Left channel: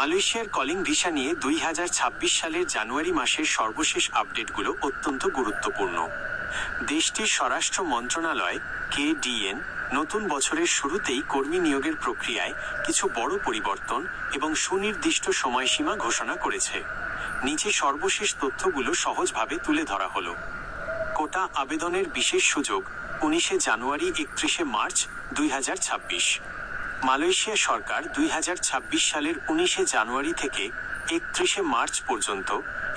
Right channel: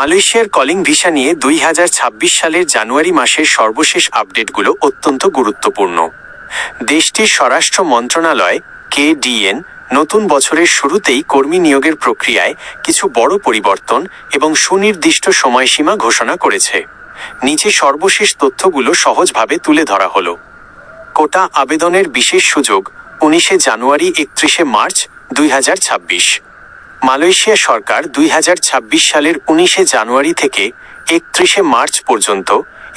মালয়েশিয়ার calling visa নিয়ে 2026 সালের জানুয়ারি মাসের সর্বশেষ আপডেটগুলো অত্যন্ত গুরুত্বপূর্ণ। দেশটির স্বরাষ্ট্র মন্ত্রণালয় KDN নতুন বছরের শুরুতেই কর্মী নিয়োগের প্রক্রিয়ায় কিছু বড় পরিবর্তন এবং সুনির্দিষ্ট সময়সীমা ঘোষণা করেছে। নিচে সর্বশেষ তথ্যগুলো সহজভাবে তুলে ধরা হলো। কোটা আবেদনের বিশেষ সুযোগ 19 জানুয়ারি 31 মার্চ 2026। মালয়েশিয়া সরকার 2026 সালের 19 জানুয়ারি থেকে 31 মার্চ পর্যন্ত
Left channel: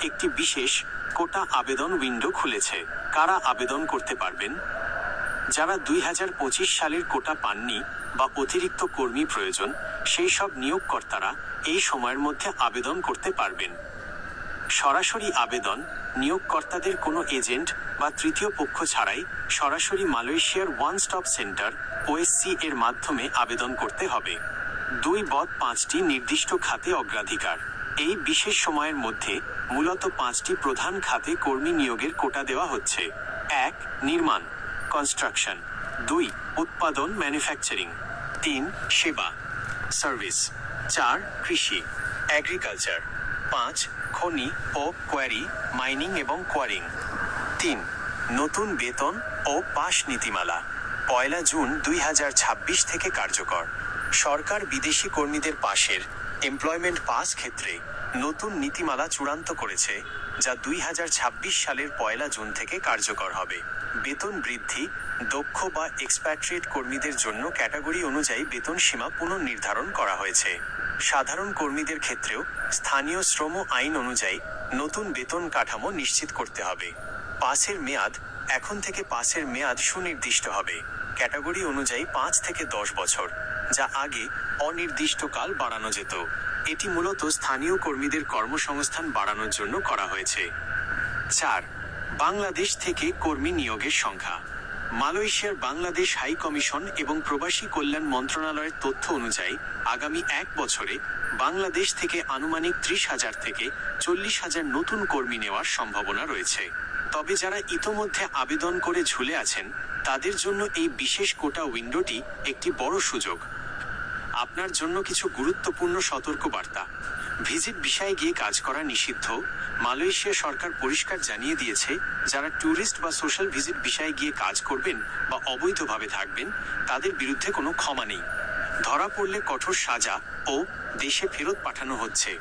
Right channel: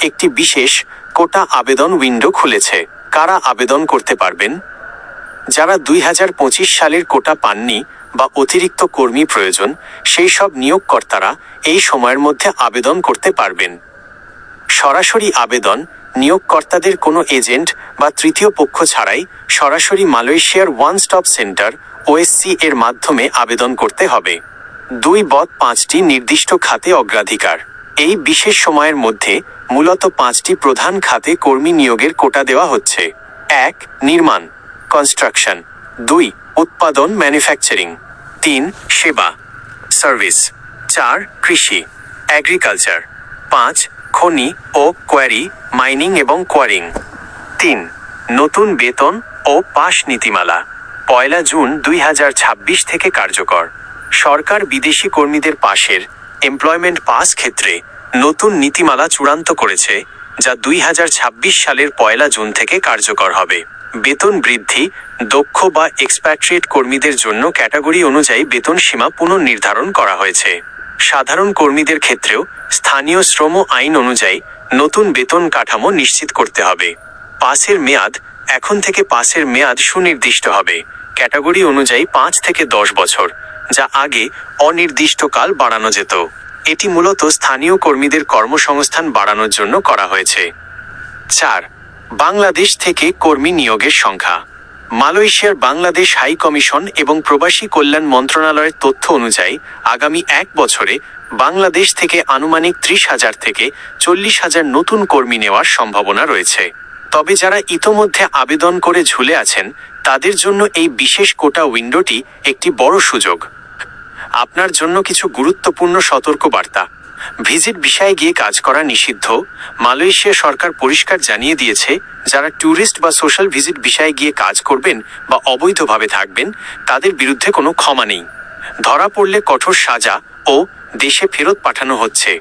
একটি বিশেষ কোটা আবেদন উইন্ডো খুলেছে। কারা আবেদন করতে পারবেন? যারা 2025 সালের কোটা পাননি বা অতিরিক্ত কর্মী প্রয়োজন, সেই সব নিয়োগকর্তারা এই সময়ের মধ্যে আবেদন করতে পারবেন। সরাসরি আবেদন নিয়োগকর্তাদের কোনো এজেন্ট বা তৃতীয় পক্ষ ছাড়াই সরাসরি মালয়েশিয়ার ওয়ান স্টপ সেন্টার OSC এর মাধ্যমে আবেদন করতে হবে। 2.5টি নির্দিষ্ট খাতে অগ্রাধিকার। এই বিশেষ সময়ের মধ্যে মূলত 5টি প্রধান খাতে কর্মী নিয়োগের কোটা দেওয়া হচ্ছে। 1. নির্মাণ কনস্ট্রাকশন, 2. উৎপাদন ম্যানুফ্যাকচারিং, 3. সেবা সার্ভিস, 4. কৃষি এগ্রিকালচার, 5. খনি ও কোয়ারি মাইনিং এবং কোয়ারিং। 3. নতুন বেতন ও পাস নীতিমালা 1 জুন 2026 থেকে কার্যকর। সরকার বিদেশি কর্মীদের পাশের এমপ্লয়মেন্ট পাস ক্ষেত্রে নতুন নীতিমালা চূড়ান্ত করেছে, যা 2026 সালের 1 জুন থেকে কার্যকর হবে। বেতন বৃদ্ধি, দক্ষ বা এক্সপ্যাট্রিয়েট কর্মীদের জন্য ক্যাটাগরি অনুযায়ী বেতন সীমা পুনর্নির্ধারণ করা হয়েছে। সাধারণ কর্মীদের ক্ষেত্রেও স্থানীয় শ্রম আইন অনুযায়ী নতুন বেতন কাঠামো নিশ্চিত করতে হবে। পাসের মেয়াদ এখন থেকে পাসের মেয়াদ সুনির্দিষ্ট হবে। ক্যাটাগরি অনুযায়ী 5 থেকে 10 বছর, যা আগে অনির্দিষ্টকাল বাড়ানো যেত। এটি মূলত স্থানীয় কর্মীদের কর্মসংস্থান বাড়ানোর জন্য করা হয়েছে। 4. বাংলাদেশ থেকে কর্মী নিয়োগের সংখ্যা। মালয়েশিয়ার বাংলাদেশ হাই কমিশন এবং প্রবাসী কল্যাণ মন্ত্রণালয়ের তথ্য অনুযায়ী আগামী 1 বছরে বাংলাদেশ থেকে আনুমানিক 30,000 থেকে 40,000 নতুন কর্মী নেওয়ার সম্ভাবনা রয়েছে। তবে যারা ইতোমধ্যে আবেদন করে ঝুলে আছেন, তাদের জন্য এই বিশেষ কোটা উইন্ডোটি একটি বড় সুযোগ। আপনার জন্য কিছু গুরুত্বপূর্ণ সতর্কবার্তা। ভিজিট ভিসায় গিয়ে কাজ করা নিষিদ্ধ। মালয়েশিয়া সরকার পরিষ্কার জানিয়ে দিয়েছে, যারা ট্যুরিস্ট বা সোশ্যাল ভিজিট ভিসায় গিয়ে কাজ করবেন বা অবৈধভাবে থাকবেন, তাদের বিরুদ্ধে কোনো ক্ষমা নেই। ধরা পড়লে কঠোর সাজা ও দেশে ফেরত পাঠানো হচ্ছে।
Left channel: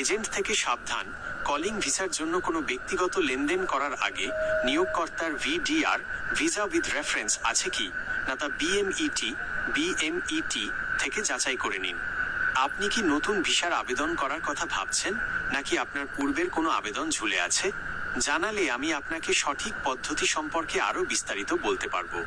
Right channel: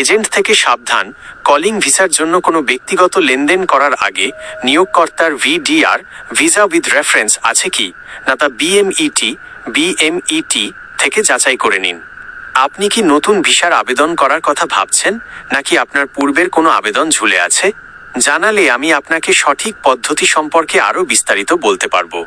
এজেন্ট থেকে সাবধান। কলিং ভিসার জন্য কোনো ব্যক্তিগত লেনদেন করার আগে নিয়োগকর্তার VDR ভিসা উইথ রেফারেন্স আছে কি না তা BMET থেকে যাচাই করে নিন। আপনি কি নতুন ভিসার আবেদন করার কথা ভাবছেন, নাকি আপনার পূর্বের কোনো আবেদন ঝুলে আছে? জানালে আমি আপনাকে সঠিক পদ্ধতি সম্পর্কে আরও বিস্তারিত বলতে পারবো।